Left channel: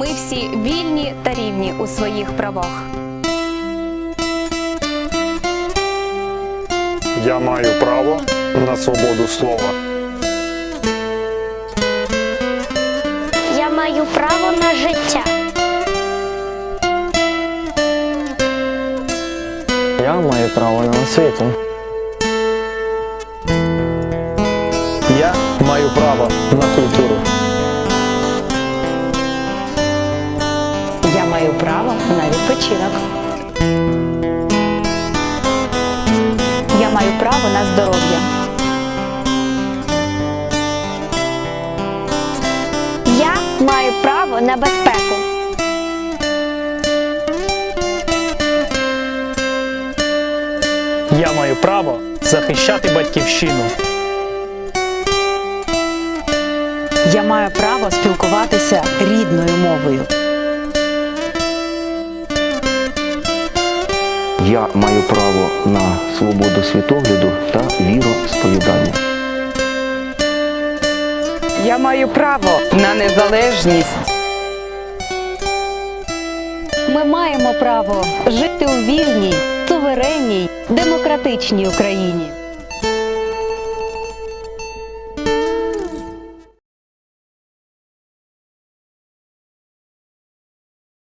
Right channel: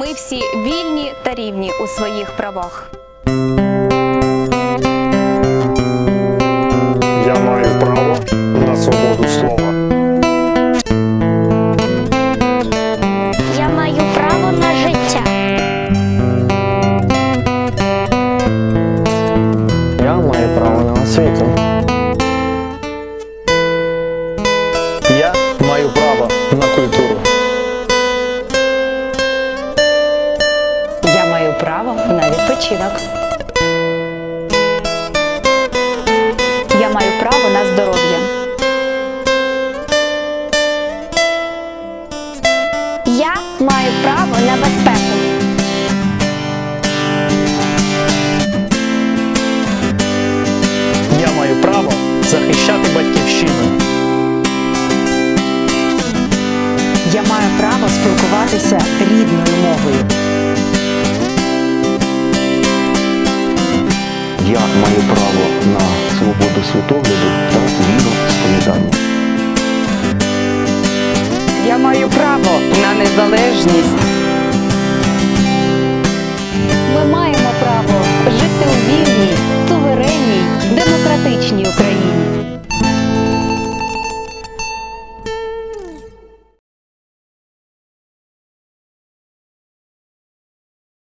ми всі вільні та рівні у своїх правах. Я маю право на свободу слова. Я маю право на життя. Я маю право на освіту. Я маю право на культуру. Маю право на відпочинок. Я маю право на здоров'я. Я маю право на безпеку. Я маю право захищати батьківщину. Я маю право спілкуватися рідною мовою. Я маю право на свободу світогляду та віросповідання. Я маю право на незалежність. Ми маємо право жити у вільній, суверенній, демократичній Україні.